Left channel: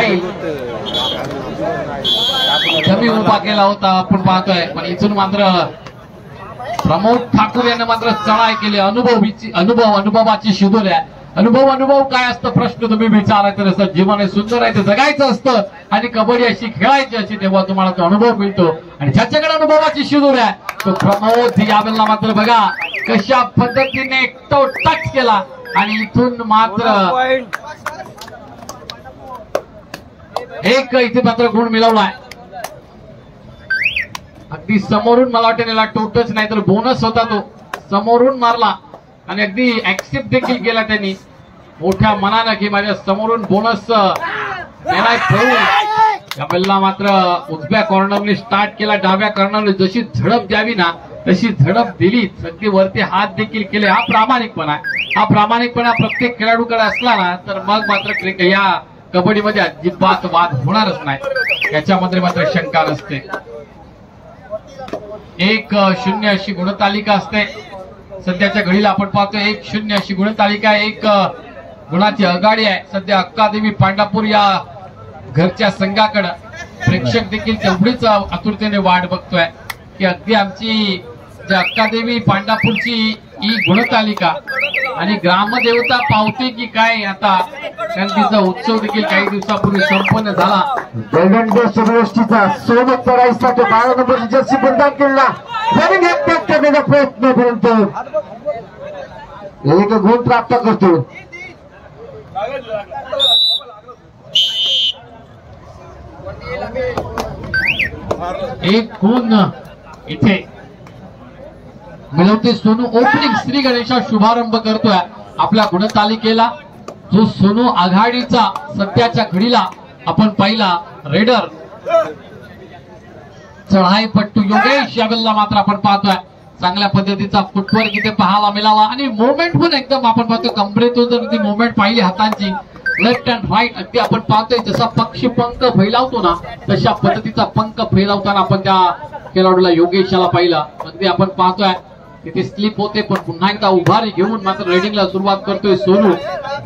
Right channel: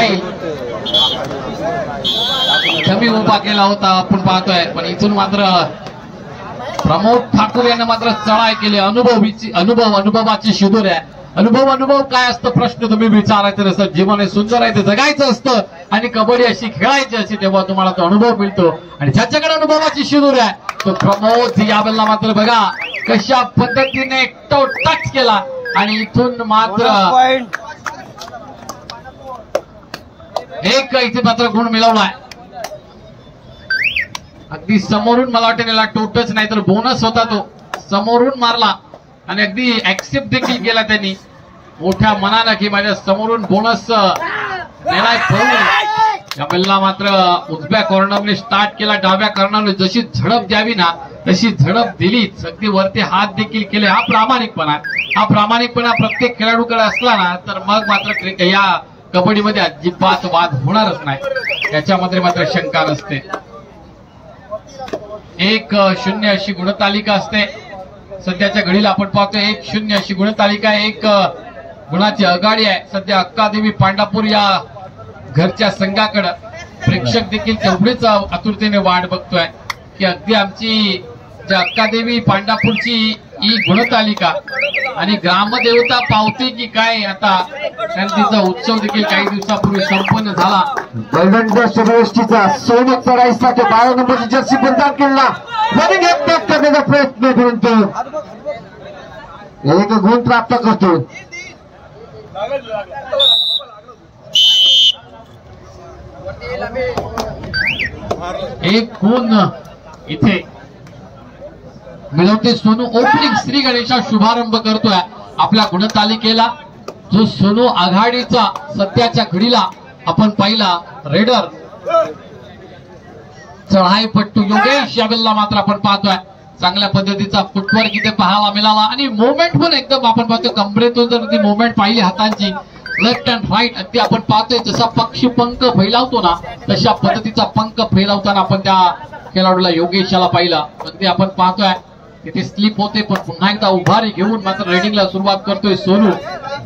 जाईल. कमी उभा केला होता आपण पाहतोय, पण इथून मात्र प्रमोद ठाकूर यांना मात्र चढाई केली. अनुभवाची शिदोर आहे. अनुभव काय असतं प्रश्न तुम्ही विचारायचं नसतं. जीवन हे सुंदर आहे, ते जगायचं असतं आणि कबड्डी अशी खेळायची असते, तेव्हा तुम्हाला तो अनुभव मिळतो. आणि ज्याच्याकडे अनुभवाची शिदोर आहे तो प्रमोद यावेळेला मात्र बघा कशा पद्धतीने तो टच केला आणि इथून मात्र एक इथे मात्र गुण मिळवलाय. अगदी समोरून मला वाटतं याला टोटच नाही तर बोनस होता, तो समोरून मारला आणि अगदी ऍक्सेप्ट देखील केला त्यांनी मोठ्या मनानं की माझ्या समोरून बोनस देणार पळून. यावेळेला मात्र उजव्या कॉर्नरने स्टार्ट केला, डाव्या कॉर्नरने जशी झडप द्यावी ना तशी झडप दिलीच. अगदी वरती हात देखील केले. हा प्रामाणिकपणा प्रत्येक खेळाडूकडे असला ना तर मग मात्र या कबड्डीमध्ये अजिबात वाद होणारच नाही, याच्यामध्ये मात्र शंका नसते. 1-0 अशी गुणतालिका असते सध्याच्या घडीला. आपण पाहतो 1-0 अशी गुणतालिका, 1 गुणाची आघाडी आहे सध्या अक्कादेवी पांडापूर या घरच्या संघाकडे. प्रेक्षक देखील तेवढीच आतुरतेने वाट बघतोय की अगदी आमची अक्कादेवी पांडापूरची ही गुणतालिका आणि ग्रामदेवता पावते की काय आता, कारण तिचा उत्सव देखील काही दिवसापूर्वी संपन्न झाला. गोल्डन गोष्ट गोष्टीचा सोबत चढाईसाठी 12 नंबरची जर्सी बंधन केला करण्याचा प्रयत्न, परंतु एक गुण प्राप्त करतो. एक गुण इथे मिळवते सोनू. ओपनिंग श्री गणेशा शुभारंभ करतोय आपल्या गुणतालिकेला. जो सोनू आघाडीचा सध्याच्या घडीला आपण पाहिला रेडर चढाईपट्टू योगेश यावेळेला मात्र आपण पाहतोय चांगल्या पद्धतीचा फुटवर्क इथे पाहायला मिळाला आणि मोमेंट पण एकदम आपण पाहतो कमरेतून जर ती मोमेंट पाहिली हातांची लेफ्ट अँड राईट अगदी आपण पाहतोय जसा पक्षी पंख फैलावतो ना तशा पद्धतीचा पंख फैलावताना आपण त्या खेळाडूला योगेशाला पाहिला. अगदी आपण पाहतोय तिथे स्लिप होते पण पुन्हा एकदा उभारी घेऊन मात्र रायडिंगला सुरुवात करतोय सोनू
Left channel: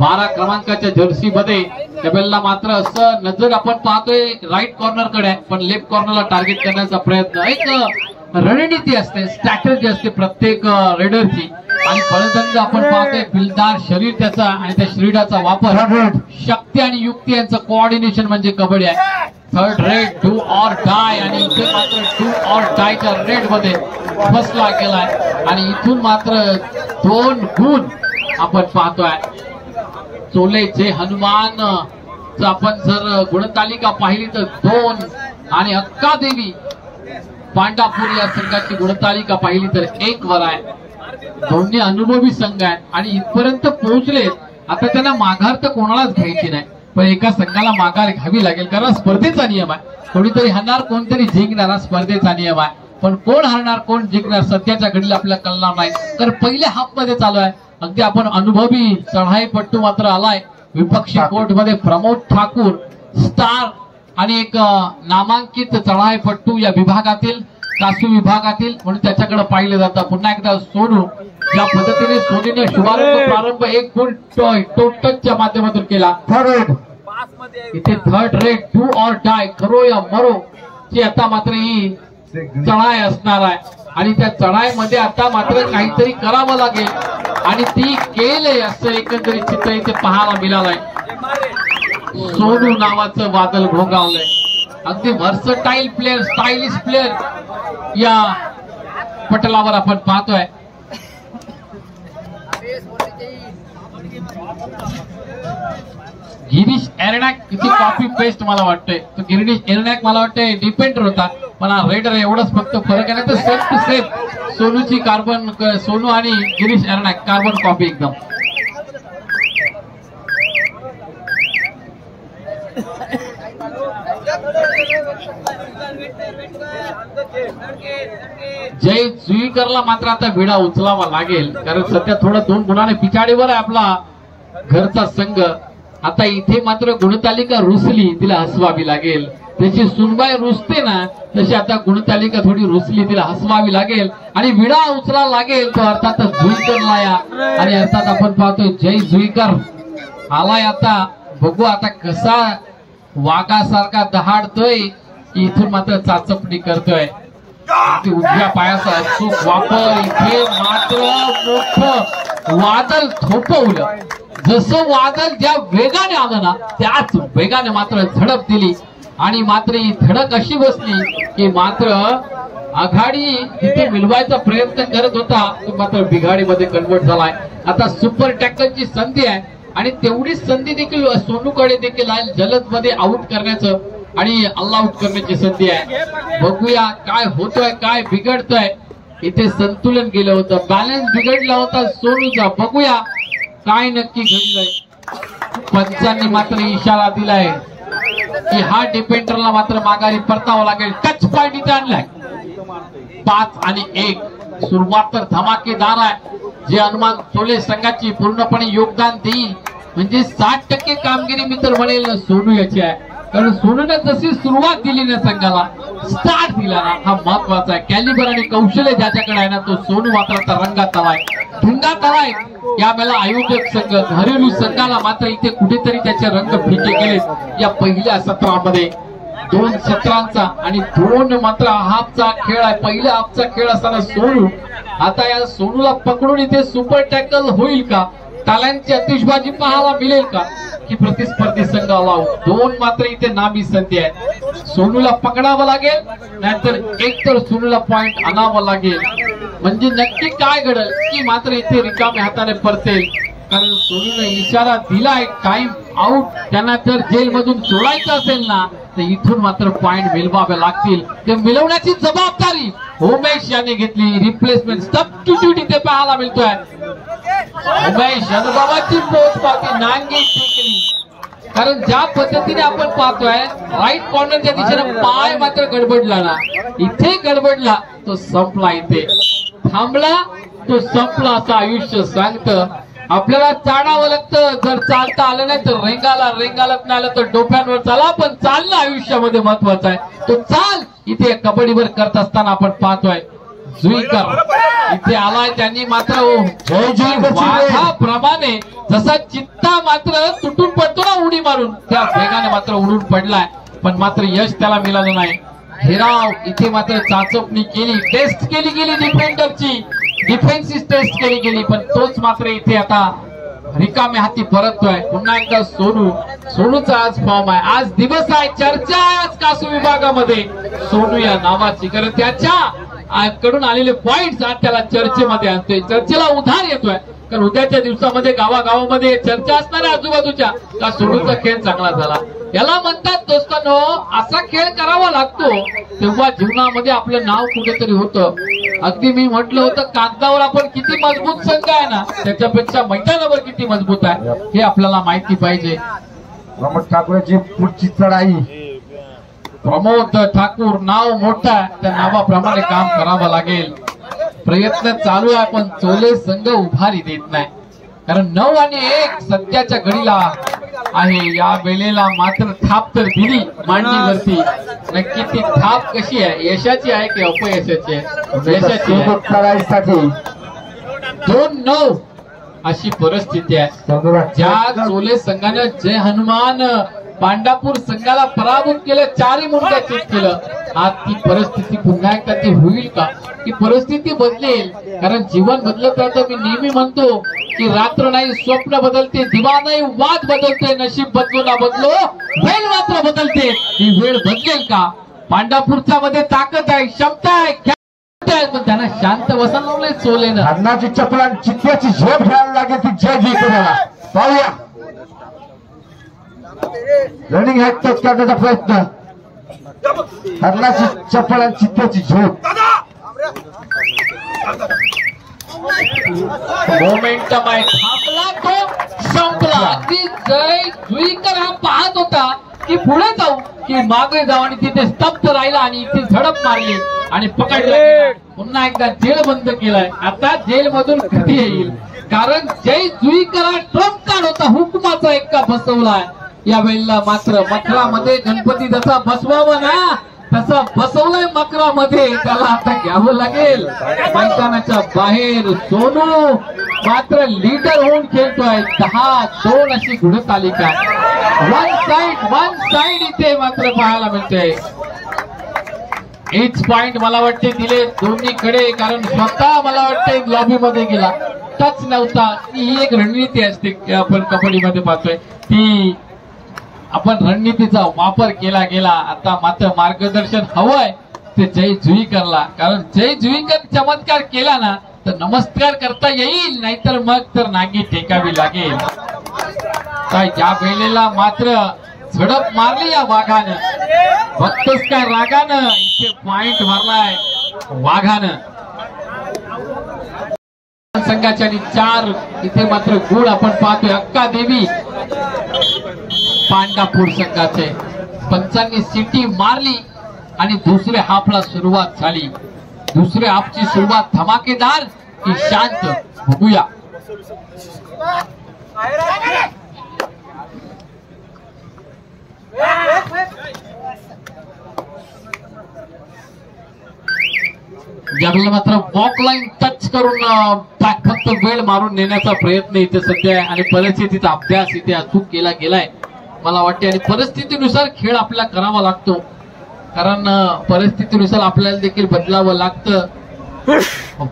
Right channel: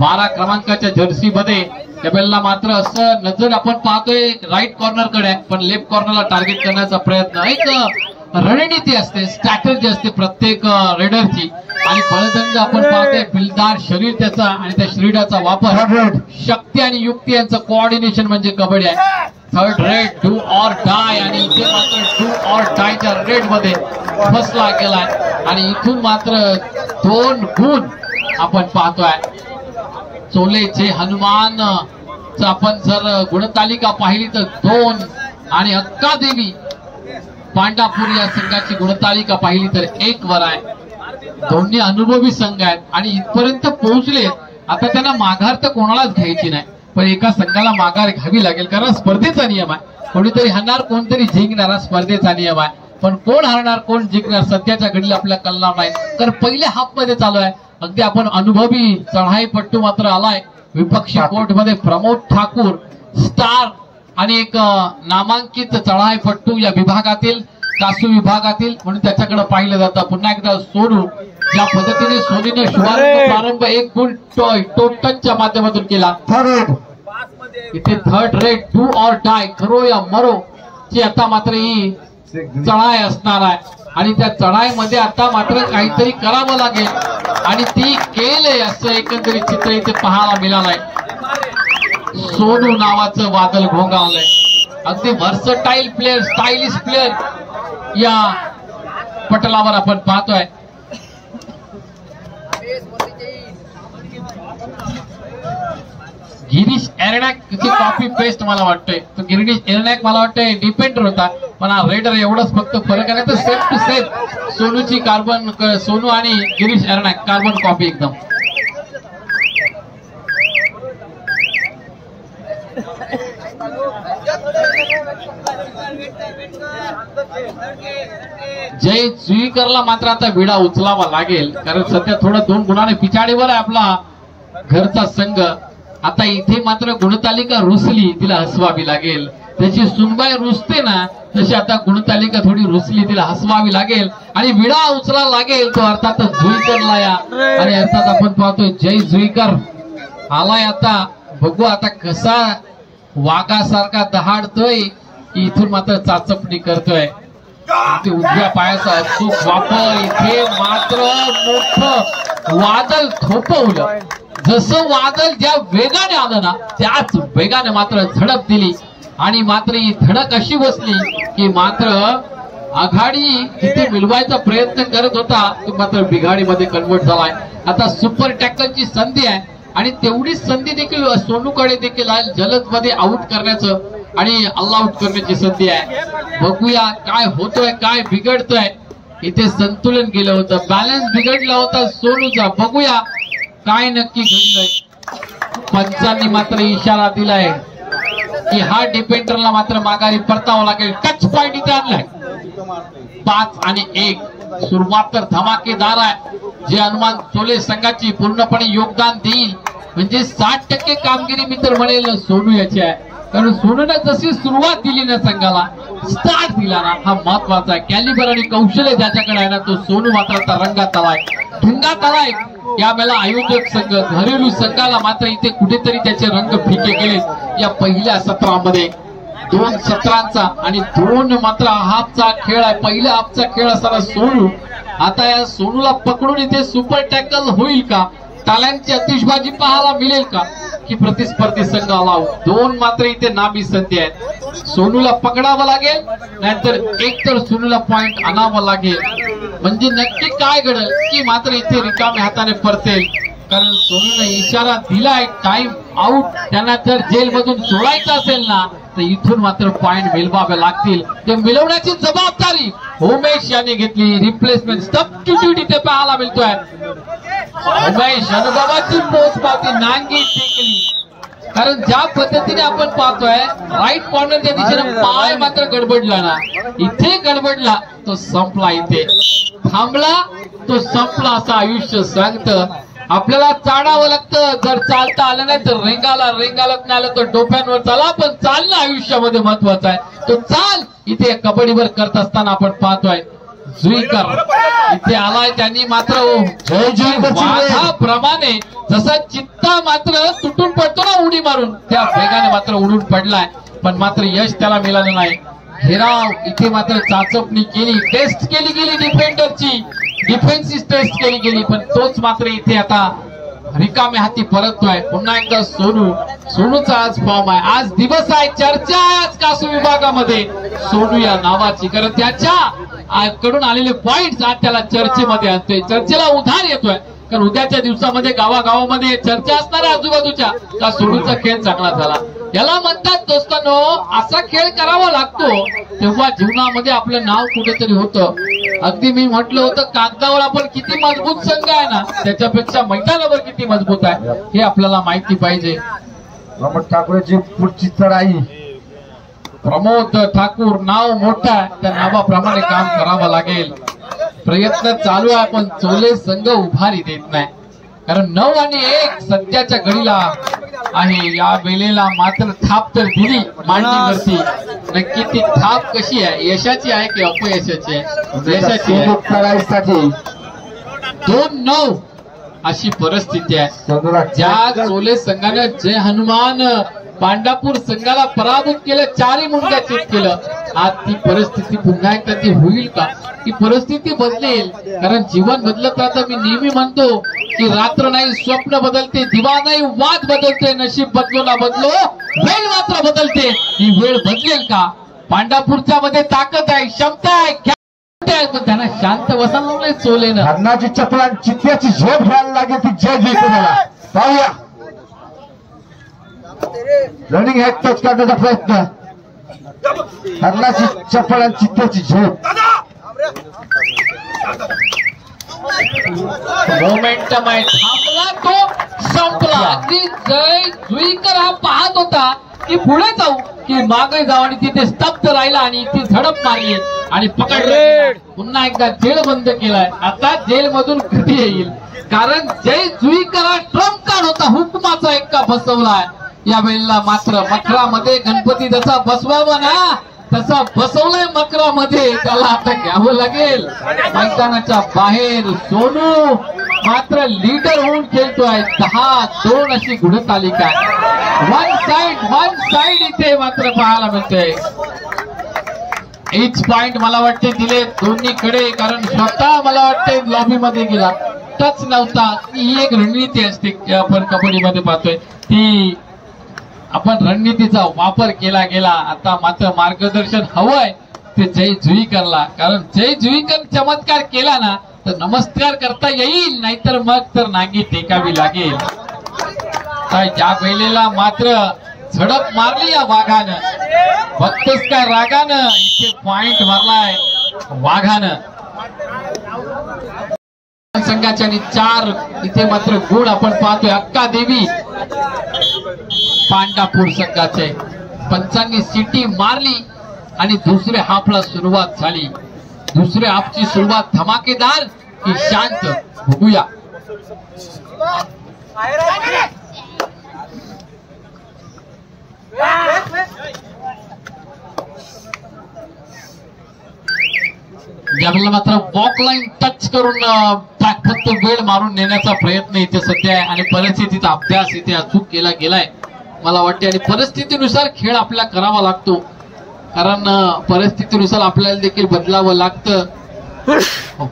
12 क्रमांकाच्या जर्सी मध्ये. त्यावेळेला मात्र असं नजर आपण पाहतोय राईट कॉर्नर कडे पण लेफ्ट कॉर्नरला टार्गेट करण्याचा प्रयत्न. एक रणनीती असते, स्ट्रॅटेजी असते प्रत्येक रेडरची आणि फलंदाज आपण पाहतोय बिलदार शरीर त्याचा आणि त्या शरीराचा वापर, शक्ती आणि युक्ती यांचं कोऑर्डिनेशन म्हणजे कबड्डी आहे. Third red do or die आणि इथे मात्र डू ऑर डायच्या रेड मध्ये फसला गेलाय आणि इथून मात्र 2 गुण आपण पाहतोय. चोलेचे हनुमान आपण जर गुणतालिका पाहिली तर 2 आणि अक्कादेवी पांडापूर या संघाची गुणतालिका पाहिली तर 1 वर आहे. दोन्ही अनुभवी संघ आहेत आणि इथपर्यंत पोहोचले. आता त्यांना माघार तर कोणालाच घ्यायची नाही पण एका संघाला माघार घ्यावी लागेल कारण स्पर्धेचा नियम आहे. कोणीतरी हरणार कोणतरी जिंकणार, स्पर्धेचा नियम आहे. पण कोण हरणार कोण जिंकणार सध्याच्या घडीला आपल्या कल्ला नाही. तर पहिल्या हाफ मध्ये चालू आहे. अगदी आपण अनुभवी चढाईपट्टू मात्र आलाय विपक्षी कोर्ट मध्ये प्रमोद ठाकूर स्टार आणि एक नामांकित चढाईपट्टू या विभागातील कासू विभागातील म्हणून त्याच्याकडे पाहिलं जातं. पुन्हा एकदा सोनू ज्या पद्धतीने सोनीने शुभारंभ प्रारंभ 1 गुण टोटलच्या माध्यमातून केला. इथे third red do or die खरो या मरो ची आता मात्र ही चढाई असणार आहे आणि त्या चढाईमध्ये आता मात्र काहीतरी करावं लागेल आणि ती केले असं एकंदरीत चित्र इथे पाहायला मिळालंय. सोनू नावाचं वादळ घोंगावलंय. अगदी व्हर्सटाईल प्लेअर, स्टायलिश प्लेअर या पटलावर आपण पाहतोय. गिरीश एरनाक किती कॉपी पेस्ट मला वाटतंय. तो गिरीश एरनाक मला वाटतंय डिपेंडर होता पण हा रेडर एवढंच फक्त फरक आहे ना तर सेम टू सेम सोनूची कार्बन, सोनू आणि गिरीश एरनाक कार्बन कॉपी एकदम. जय जुईकरला मात्र आता विडा उचलावा लागेल कारण सध्या थोडं 2 गुणाने पिछाडीवर आहे आपला घरचा संघ. आता इथे मात्र गुणतालिका रुसली, तिला हसवावी लागेल. त्याची सुनबाई रुसते ना तशी आता गुणतालिका थोडी रुसली, तिला हसवावी लागेल आणि विडा उचलावा लागेल. तो अर्थातच जुईकरला या आणि अर्थात आपण पाहतोय जय जुईकर आलाय. आता बघू आता कसा वाघासारखा दहाडतोय की इथून मात्र चाचपणी करतोय. उजव्या पायाचा अचूक वापर. इथे मात्र मोठं वादळ थोपवलं. जसं वादळ ज्या वेगाने आलं ना त्याच वेगाने मात्र झडप दिली आणि मात्र ही धडक अशी बसली की मात्र आघाडी जिथे मिळवायचा प्रयत्न करत होता तो मात्र बिघाडीमध्ये कन्वर्ट झालाय. आता सुपर टॅकलची संधी आहे आणि तेवढीच संधी देखील सोनूकडे देखील आहे जलद मध्ये आउट करण्याचं आणि ऑल आउट करण्याची संधी आहे. बघूया काय होतोय काय बिघडतोय. इथे संतुलन गेलं होतं, बॅलन्स बिघडला होता सोनूचा. बघूया काय नक्की घडलंय. पंचांनी मात्र इशारा दिलाय की हा डिफेंडरला मात्र माघारी परतावं लागेल. टच पॉइंट इथे आणलाय. 5 आणि 1 सुरुवात तर धमाकेदार आहे. जे हनुमान चोले संघाची पूर्णपणे योगदान देईल म्हणजे 60% कामगिरी मी तर म्हणेल सोनू याची आहे. कारण सोनूने जशी सुरुवात दिली ना संघाला स्टार्ट दिला ना हा महत्वाचा आहे. कॅलिबर आणि कौशल्य ज्याच्याकडे आहे ना तो सोनू मात्र रंगात आलाय ढुंगात आलाय. यावेळेला आयोजक संघ घरेलू संघाला मात्र इथे कुठेतरी त्याचे रंग फिके गेले या पहिल्या सत्रामध्ये. 2 सत्रांचा आणि 2 मात्र हाफचा खेळ आहे. पहिल्या हाफचा खेळ असताना सोनू आता या सोनूला पकडून इथे सुपर टॅकल होईल का, टाळ्यांची आतिषबाजी पाहायला मिळेल का की प्रतिस्पर्धी संघ आला. 2 मात्र इथे नामी संधी आहे. सोनूला पकडावं लागेल नाहीतर एक तर सोनूला पॉइंट आणावं लागेल. म्हणजे नक्की काय घडेल की मात्र इथे रिकाम्या हाताने परतेल. कारण सोनूने इशारा दिलाय टाइम आउट. त्यांना जर जेलमधून सोडायचं असेल ना तर इथून मात्र पॉइंट मिळवावे लागतील. ते मिळवण्याची जबाबदारी उमेश याने घेतली. रिप्लेसमेंट सबस्टिट्यूट इथे पाहायला मिळतोय. उमेश अनुभवाची पोचपावती नांगी टेकली. कारण ज्या पद्धतीने आपण पाहतोय राईट कॉर्नरच्या दिशेने पाय मात्र गडबडला ना इथे गडबडला तो संपला. इथे थांबला तो संपला असं आयुष्य सांगतं. आपल्याला चाडावं लागतं. जर चालता आलं नाही तर रेंगालत नाही आलं तर डोक्यांवर चाला. पण चालणं आयुष्यामध्ये महत्वाचं आहे. तो चाल इथे कबड्डीवर करत असताना आपण पाहतोय. जुईकर इथे आलाय. त्यांनी मात्र प्रमाणे जसा चित्ता मात्र तुटून पडतो ना उडी मारून त्या वेगाने मात्र उडून पडलाय. पण मात्र यश त्याला मिळालं नाही. हिराव इथे मात्र चाचपणी केली, टेस्ट केली गेली डिफेंडरची, डिफेन्सिव टेस्ट केली गेली. पण तोच मात्र इथे आता रिकाम्या हाती परततोय. पुन्हा एकदा सोनूचा आज फॉर्म आहे. आज दिवस आहे, चर्चा आहे आज कासू विभागामध्ये सोनू या नावाची. कारण त्याच्या कडून आलेले पॉइंट्स आज त्याला चर्चेमध्ये आणतोय, चर्चेला उधार येतोय. कारण उद्याच्या दिवसामध्ये गावागावामध्ये चर्चा असणार आहे आजूबाजूच्या का सोनूचा खेळ चांगला झाला. याला म्हणतात दोस्तांनो असा खेळ करावा लागतो तेव्हा जीवनामध्ये आपलं नाव कुठेतरी होतं. अगदी मी म्हटलं होतं कागदावर आपण किती मजबूत संघ आहे ना त्याच्यापेक्षा मैदानावर किती मजबूत आहे हे आपल्याला माहिती पाहिजे. प्रमोद ठाकूरची पुढची चढाई. प्रमोद ठाकूर नाव मोठं त्या नावाप्रमाणे काम करावं लागेल. प्रयत्न चालू आहे पण चोले संघ उभारी देत नाही. कारण 9 आणि 1 सध्याच्या घडीला आहे. या वेळेला मात्र थाप तर दिली मांडीवरती. नक्की ती थाप कशी आहे, यशाची आहे की अपयशाची आहे? यशाची आहे. 2-9 अशी परिस्थिती आहे. ज्या चोले संघाने जय हनुमान पांडापूर संघाला पराभूत केलं, 4 मुंड्या चेक केलं. आज ती परिस्थिती पुन्हा एकदा ती होईल का की परिस्थिती बदलेल? कारण जीवन बदलत राहतं. मी नेहमी म्हणतो की रात्र नाही स्वप्न बदलते, दिवा नाही वाद बदलते, नशीब बदलो ना बदलो वेळ मात्र बदलते. ही वेळ बदलेल का? पांडापूरच्या मध्ये ताकद आहे, क्षमता आहे, पण त्यांना शांत बसवलं चोले ना. अन्नाची चपला चित्त्याची झोप घ्यायला लागेल ती जय जय कोणाला पाहूया. रनिंग हॅक टच करण्याचा प्रयत्न. अन्नाची चपला चित्त्याची झोप. मोमेंटम आहे, थांबला तो संपला. अगदी जय जुईकर हा पाहत होता की पुढे जाऊ की मागे जाऊ आणि तिथे स्तब्ध राहिला आणि इथे झडप मारली आणि पकडले. पुन्हा एकदा जेल बंद केलाय. आता जेल मधून कधी येईल? कारण जय जुईकर हा ट्रम्प कार्ड होता, हुकमाचा एक्का फसवलाय. या वेळेला मात्र मकरामध्ये गणपती जसा बसवावा ना तसा बसवलाय मकरामध्ये. त्याला आता घ्यावं लागेल. मैदानाच्या बाहेर सोनू मात्र लीडर होऊन खेळतोय. 10-2 अशी गुणतालिका आहे. वन साइड इथे मात्र पाहायला मिळतोय. एच पॉइंट मला वाटते दिले दोन्हीकडे, कारण स्वतः मला वाटते लॉबी मध्ये गेला, टच नव्हता. ही एक रणनीती असते आपण कबड्डीमध्ये पाहतोय, ती आपण रणनीतीचा वापर केला गेला. आता मात्र मार्गदर्शन हवंय ते जय जुईकरला, कारण जय जुईकर चमत्कार केला ना तर नमस्कार करता येईल, नाहीतर मग तर नागी टेकावी लागेल. काय ज्या वेळेला मात्र झडप मारली या वाघानं, बघतोस काय रागानं, इथे पॉइंट मारलाय वाघानं संघाच्या. आणि 4 इथे मात्र गुण आपण पाहतोय अक्का देवी पांडापूर संघाचे. पंचांनी सिटी मारली आणि दुसऱ्या हाफला सुरुवात झाली. दुसऱ्या हाफची सुरुवात धमाकेदार की शांत, बघूया. ज्यावेळेला मात्र वॉक लाईन टच करून फक्त वेळ मारून नेण्याचा प्रयत्न इथे सध्या आहे आणि परिस्थितीचा अभ्यास इथे अचूक केला गेलाय मला वाटते. आणि परिस्थितीनुसार खेळ आपल्याला करावा लागतो, कारण परिस्थितीनुसार आपल्याला देखील बदलावं लागतं.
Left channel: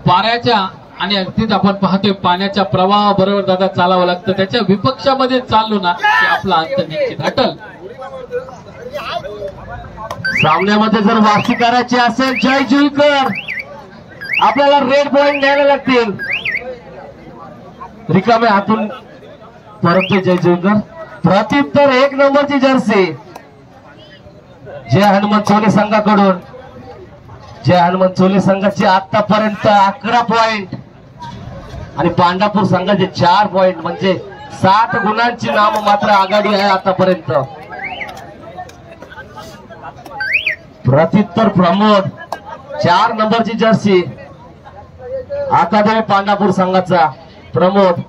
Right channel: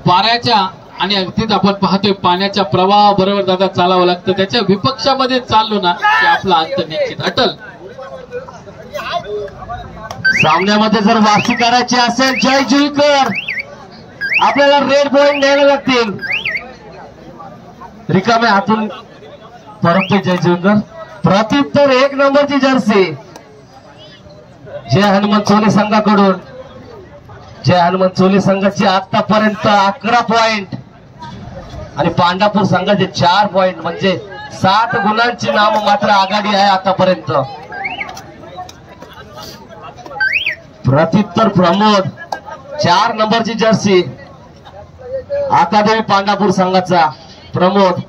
पाण्याच्या आणि अगदीच आपण पाहतोय पाण्याच्या प्रवाहाबरोबर दादा चालावं लागतं. त्याच्या विपक्षामध्ये चाललो ना की आपला अंत निश्चित अटल. सामन्यामध्ये जर वापसी करायची असेल जय जुईकर, आपल्याला रेड पॉइंट द्यायला लागतील. रिकामे हातून परत जय जुईकर. प्रत्युत्तर 1 नंबरची जर्सी जय हनुमान चोले संघाकडून. जय हनुमान चोले संघाची आतापर्यंत 11 पॉइंट आणि पांडापूर संघाचे 4 पॉइंट, म्हणजे 7 गुणांची नाम मात्र आघाडी आहे आतापर्यंत. प्रत्युत्तर प्रमोद 4 नंबरची जर्सी अकादमी पांडापूर संघाचा प्रमोद.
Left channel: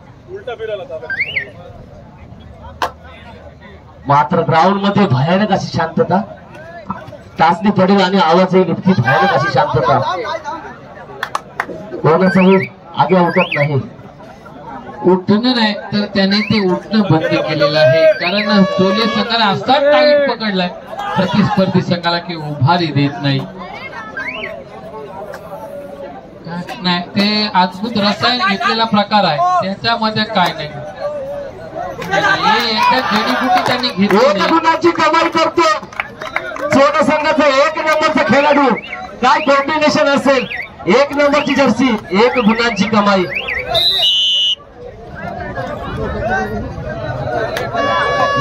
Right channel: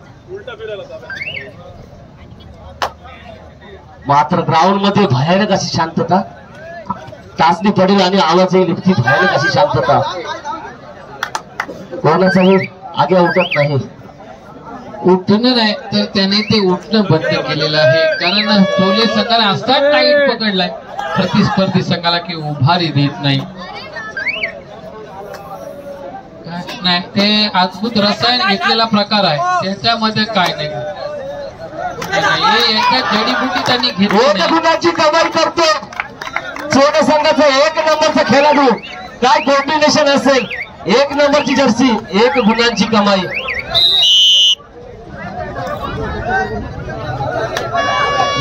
मात्र ग्राउंड मध्ये भयानक अशी शांतता, टाचणी पडेल आणि आवाज येईल इतकी भयानक अशी शांतता, कोणाचाही आगे उठत नाही. उठणं नाही तर त्याने ते उठणं बंद केलेलं आहे, कारण चोले संघाला असा टाईट पकडलाय प्रतिस्पर्धी संघाला की उभारी देत नाही. ते अद्भुत रसायन घेतलेला प्रकार आहे, त्याच्यामध्ये काय नाही. जडीबुटी त्यांनी घेतली. गुणाची कमाई करतो चोले संघाचा 1 नंबरचा खेळाडू. काय कॉम्बिनेशन असेल. 1 नंबरची जर्सी, 1 गुणांची कमाई.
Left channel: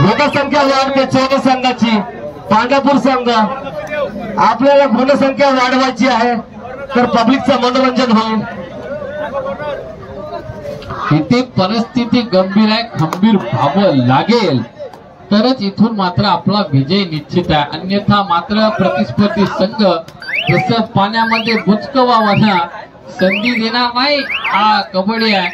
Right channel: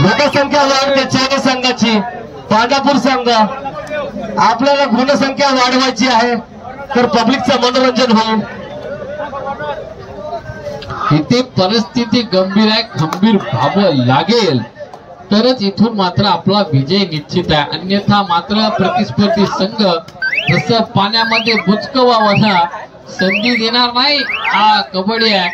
गुणसंख्या वाढते चोले संघाची. पांडापूर संघ आपल्याला गुणसंख्या वाढवायची आहे तर पब्लिकचं मनोरंजन होईल. इथे परिस्थिती गंभीर आहे, खंबीर व्हावं लागेल तरच इथून मात्र आपला विजय निश्चित आहे. अन्यथा मात्र प्रतिस्पर्धी संघ जसं पाण्यामध्ये बुचकवावाला संधी देणार नाही. हा कबड्डी आहे,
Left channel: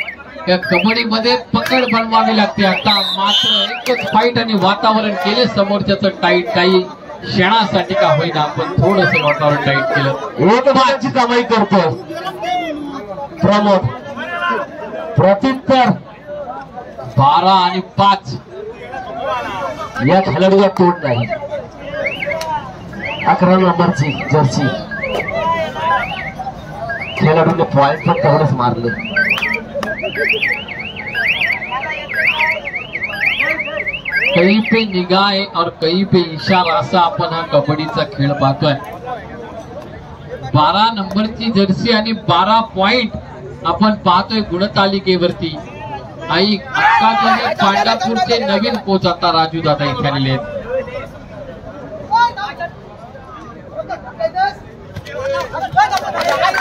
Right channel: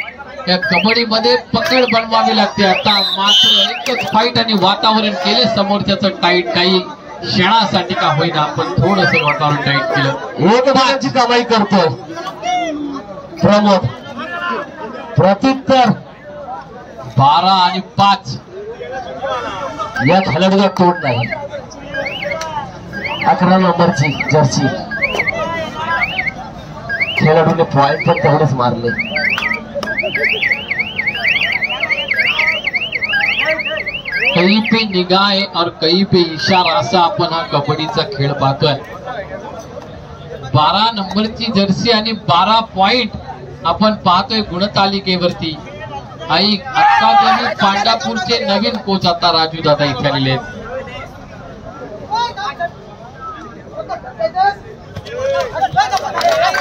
त्या कबड्डीमध्ये पकड बनवावी लागते. आता मात्र एकच फाईट आणि वातावरण केले समोरच्याचं टाईट, काही क्षणासाठी का होईना पण थोडस वातावरण टाईट केलं. 1 गुणांची कमाई करतो प्रमोद. प्रत्युत्तर 12 आणि 5 या खेळाडूला तोड नाही. 11 नंबरची जर्सी खेळाडूने पॉइंट पण तेवढेच मारले. कहीं पे निगाह और कहीं पे इशारा असा आपण हा कबड्डीचा खेळ पाहतोय. 12 नंबरची जर्सी आणि 12 पॉइंट आपण पाहतोय गुणतालिकेवरती. आई अक्कादमी पांडापूरचे नवीन कोच आता राजू दादा इथे आलेले आहेत.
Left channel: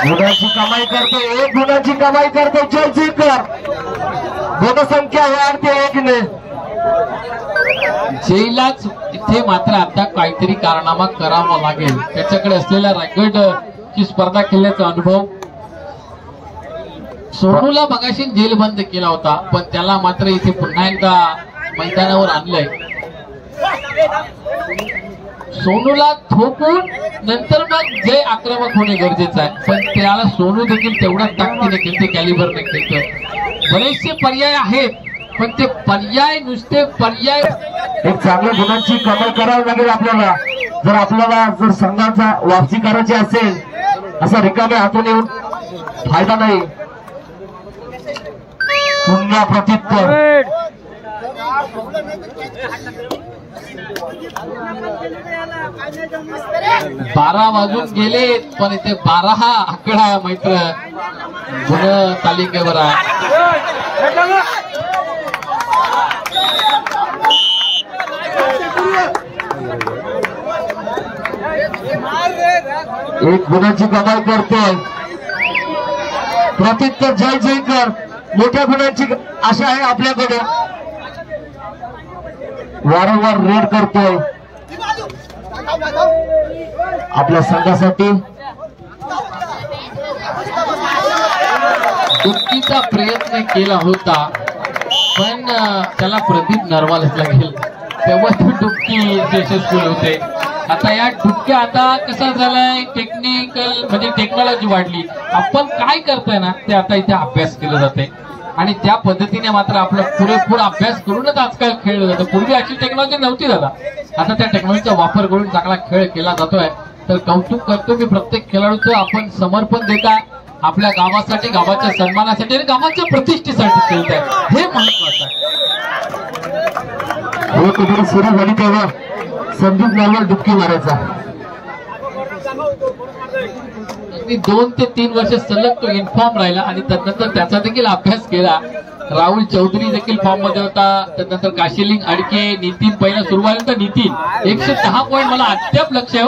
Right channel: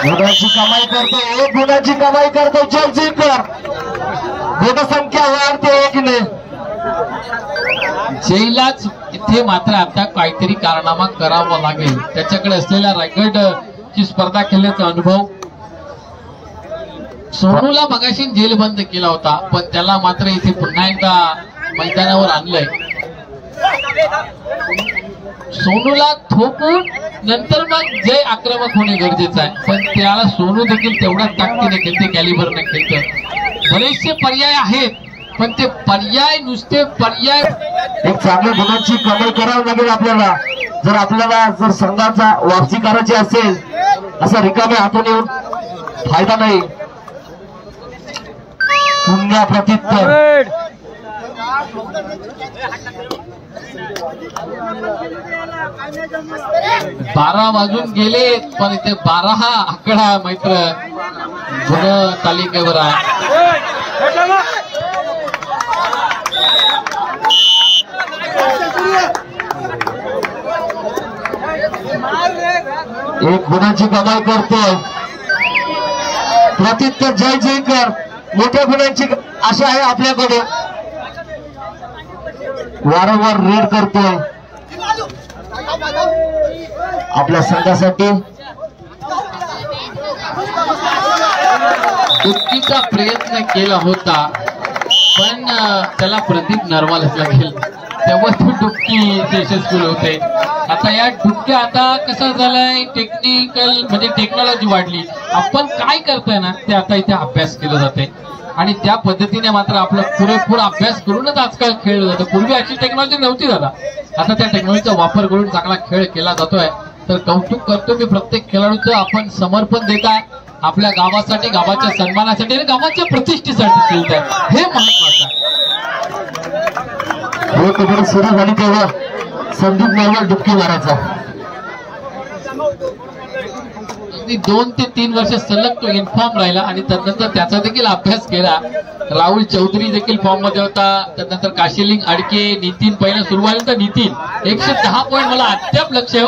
गुणाची कमाई करतो, 1 गुणाची कमाई करतो जय जुईकर. गुणसंख्या वाढते 1 ने. जयलाच इथे मात्र आता काहीतरी कारनामा करावा लागेल. त्याच्याकडे असलेला रायगड ची स्पर्धा खेळण्याचा अनुभव. सोनूला मगाशी जेल बंद केला होता, पण त्याला मात्र इथे पुन्हा एकदा मैदानावर आणलंय. सोनूला थोपून नंतर मग जय आक्रमक होणे गरजेचं आहे, पण त्याला सोनू देखील तेवढ्याच ताकदीने खेळते, कॅलिबरने खेळते. बरेचसे पर्याय आहेत, पण ते पर्याय नुसते पर्याय एक चांगल्या गुणांची कमाई करावी लागेल आपल्याला. जर आपल्याला जर संघाचा वापसी करायची असेल, असा रिकाम्या हातून येऊन फायदा नाही. पुन्हा प्रत्युत्तर. बारा वाजून गेले, पण इथे 12 हा आकडा मैत्र गुण तालिकेवर आहे. एक गुणाची कमाई करते प्रत्युत्तर. जय जयकर. मोठ्या गुणांची आशा आहे आपल्याकडे. वारंवार रेड करतोय आपल्या संघासाठी. डुबकीचा प्रयत्न केला होता, पण त्याला प्रदीप नरवालच लागेल, तेव्हा ती डुबकी यशस्वी होते. आता या डुबक्या आता कसं झालंय, टेक्निकल म्हणजे टेक्नॉलॉजी वाढली. आपण काय करतोय ना ते आता इथे अभ्यास केला जाते आणि त्या पद्धतीने मात्र आपला पुरेपूर अभ्यास करूनच आजकाल खेळलं जातं. पूर्वी अशी टेक्नॉलॉजी नव्हती दादा. आता त्या टेक्नॉलॉजीचा वापर करून चांगला खेळ केला जातोय. तर कौतुक करतो मी प्रत्येक खेळाडूचं. आपण समर्पण देताय आपल्या गावासाठी, गावाच्या सन्मानासाठी आणि गावाच्या प्रतिष्ठेसाठी खेळताय, हे महत्वाचं आहे. सुरू झाली तेव्हा संदीप नावाला डुबकी मारायचा. 2 ते 3 वर्ष सलग तो इन्फॉर्म राहिला आणि त्यानंतर त्याचा देखील अभ्यास केला. राहुल चौधरी देखील फॉर्म मध्ये होता. त्यानंतर काशीलिंग अडके, नितीन पहिला सुरुवातीला नितीन 110 पॉईंट मला अद्याप लक्ष आहे.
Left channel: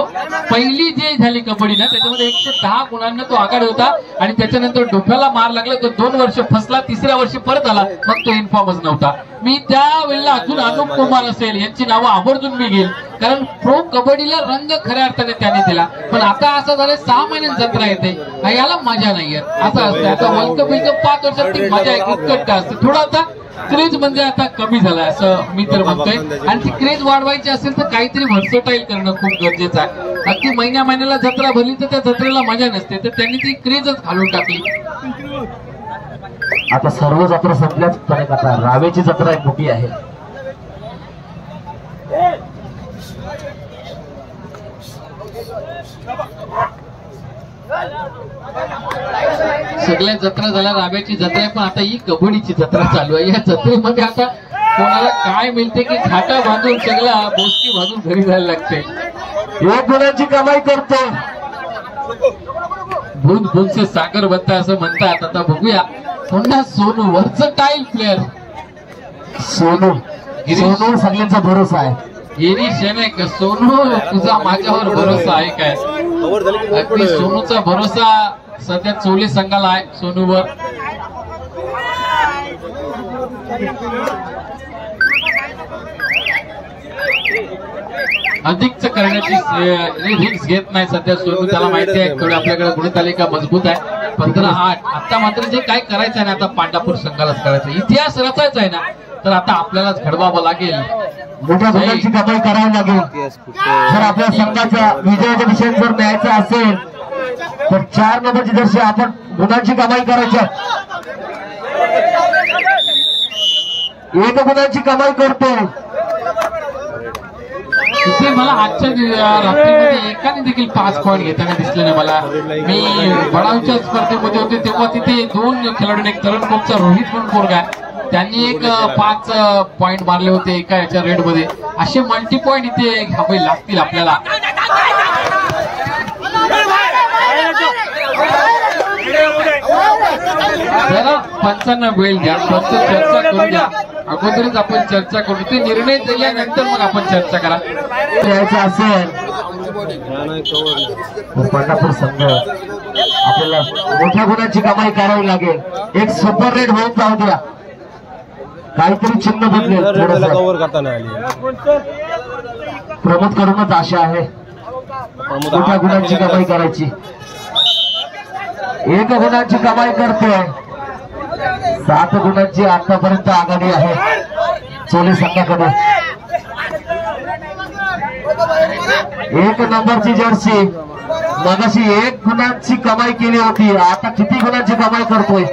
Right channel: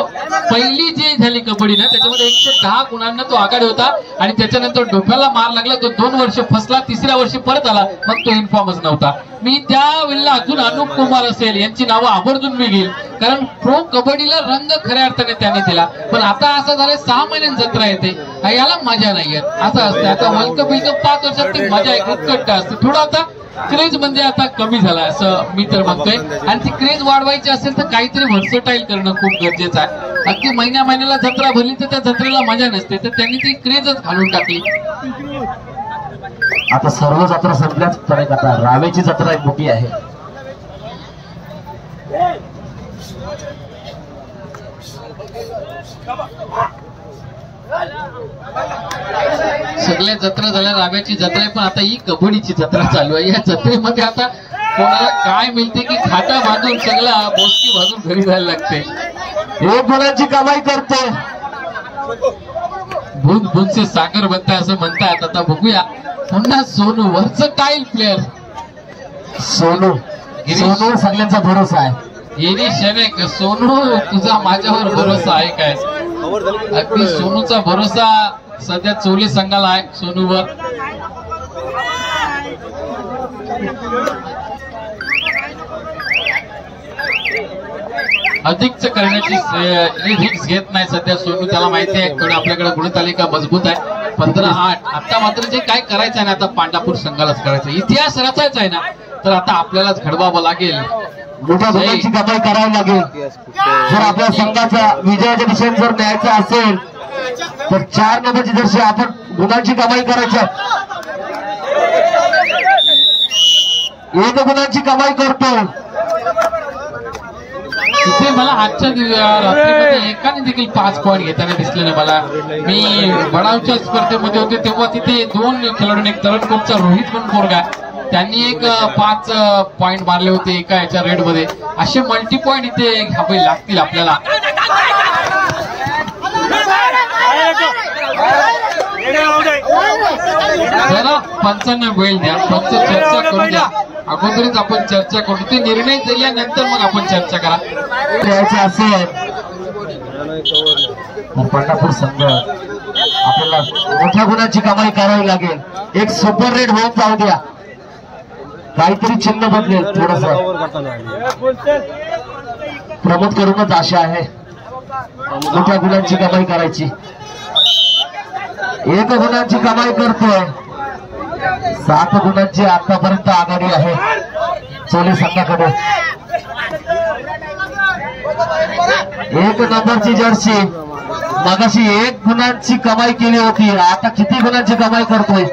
पहिली जी झाली कबड्डी ना त्याच्यामध्ये 110 गुणांना तो आघाडी होता आणि त्याच्यानंतर डोक्याला मार लागला. तो 2 वर्ष फसला, 3ऱ्या वर्षी परत आला, मग तो इन्फॉर्मच नव्हता. मी त्यावेळेला अजून अनुप कुमार असेल यांची नावं आवर्जून मी घेईल, कारण प्रो कबड्डीला रंग खऱ्या अर्थाने त्याने दिला. पण आता असं झालं 6 महिन्यांनी जत्रा येते, याला मजा नाही येत. असं असतं. आता वर्ल्ड कप 5 वर्षात ती मजा एक उत्कट असते. थोडा आता क्रेज म्हणजे आता कमी झालाय असं मी तर म्हणतोय. आणि ती क्रेज वाढवायची असेल तर काहीतरी व्हर्सटाईल करणं खूप गरजेचं आहे. अगदी महिन्याला जत्रा भरली तर त्या जत्रेला मजा नसते, तर त्यांनी ती क्रेजच घालून टाकली. आता सर्व जत्रा संपल्याच, पण आता रावेची जत्रा एक मोठी आहे. सगळ्या जत्रा झाल्या, राव्याची जत्रा आहे, पण आता ही कबड्डीची जत्रा चालू आहे. या जत्रेमध्ये आता कोणाला काय मिळते की खाटा बांधून सगळ्या बोसकी बांधून घरी जायला लागते. एक गुणाची कमाई करते. भूत भूतचे सागर बनताय असं म्हणतात. आता बघूया पुन्हा सोनू वर्सटाईल प्लेअर. सोनू सगळ्यांचा भरोसा आहे. येरी शनेक. सोनू तुझा माझ्यावर भरोसा आहे काय? अगदी सोनूचा भरोसा सध्या चोले संघाला आहे सोनूवर. अधिकच करण्याची रिस्क घेत नाही सध्या सोनू. त्याला माहिती आहे थोडी आपल्याकडे गुणतालिका मजबूत आहे. 15-8. आता मात्र जे काय करायचं आहे ना, आता पांढरपूर संघालाच करायचं. इतिहास रचायचा आहे ना, तर आता आपल्यालाच घडवावं लागेल. मोठ्या गुणांची कमाई करावी लागेल. जर आपल्या संघाच्या विजयाच्या दिशेने जर न्यायचा असेल तर 4 नंबरची जर्सी आपण गुणांची कमाई करायची. 1 गुणांची कमाई करतो. तिथे मला आजच्या रात्रीमध्ये एकाने देखील 5 पॉईंट घेताना दिसले ना. मला मी बडावच्या स्पर्धेमध्ये होते तेव्हा तिथे 2 खेळाडू, एक तरणकोटचा रोहित पण पोरगा, त्यांनी एक 5 पॉईंट मारले होते एका याच्या रेड मध्ये. असे मल्टी पॉईंट इथे घ्यावे लागतील आपल्याला. जरा पंचांना वेळ द्या, पंच चर्चा करू द्या. अगोदरच आपण चर्चा करू, ते निर्णय झाल्यानंतर मग आपण चर्चा करा. द्यायचं असेल पंढरपूर संघ आपल्याला मोठ्या गुणांची कमाई करावी लागेल. एक सुपर रेड होऊन जाऊ द्या, काहीतरी चिन्ह बदलेल. प्रमोद करूनच आशा आहे मोठ्या गुणांची कमाई करायची. 1 गुणांची कमाई करतोय. 7 गुणांची आतापर्यंत आघाडी आहे चोली संघाकडे. 1 नंबरची जर्सी मगाशी 1 गुणांची कमाई केली होती, आता किती गुणांची कमाई करतोय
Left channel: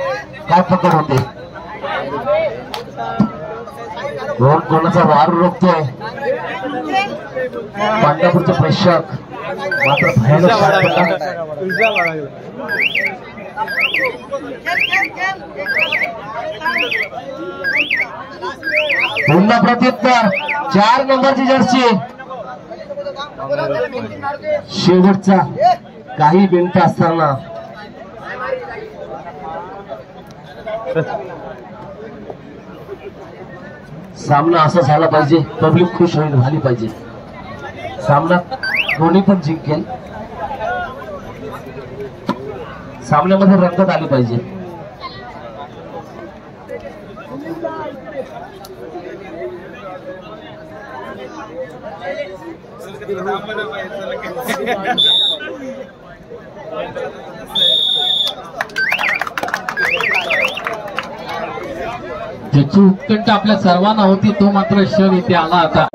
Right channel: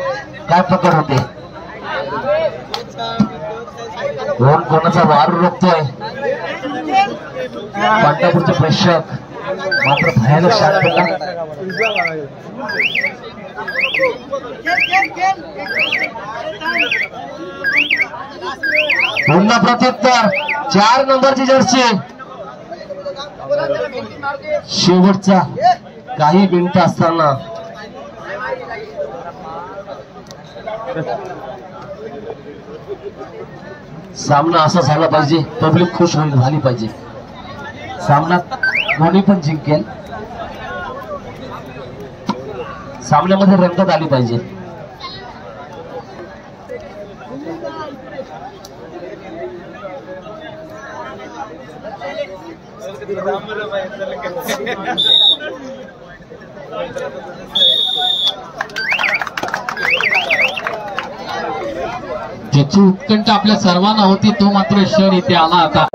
काय पकड होते. कोण कोणाचा वार रोखतोय पंढरपूरचे प्रेक्षक मात्र भयानक शांतता. पुन्हा प्रत्युत्तर 4 नंबरची जर्सी. शेवटचा काही मिनिटं असताना सामना असा झाला पाहिजे, पब्लिक खुश झाली पाहिजे, सामना दोन्ही पण जिंकेल, सामन्यामध्ये रंगत आली पाहिजे. ज्याची उत्कंठ आपल्या सर्वांना होती तो मात्र क्षण इथे आला आता.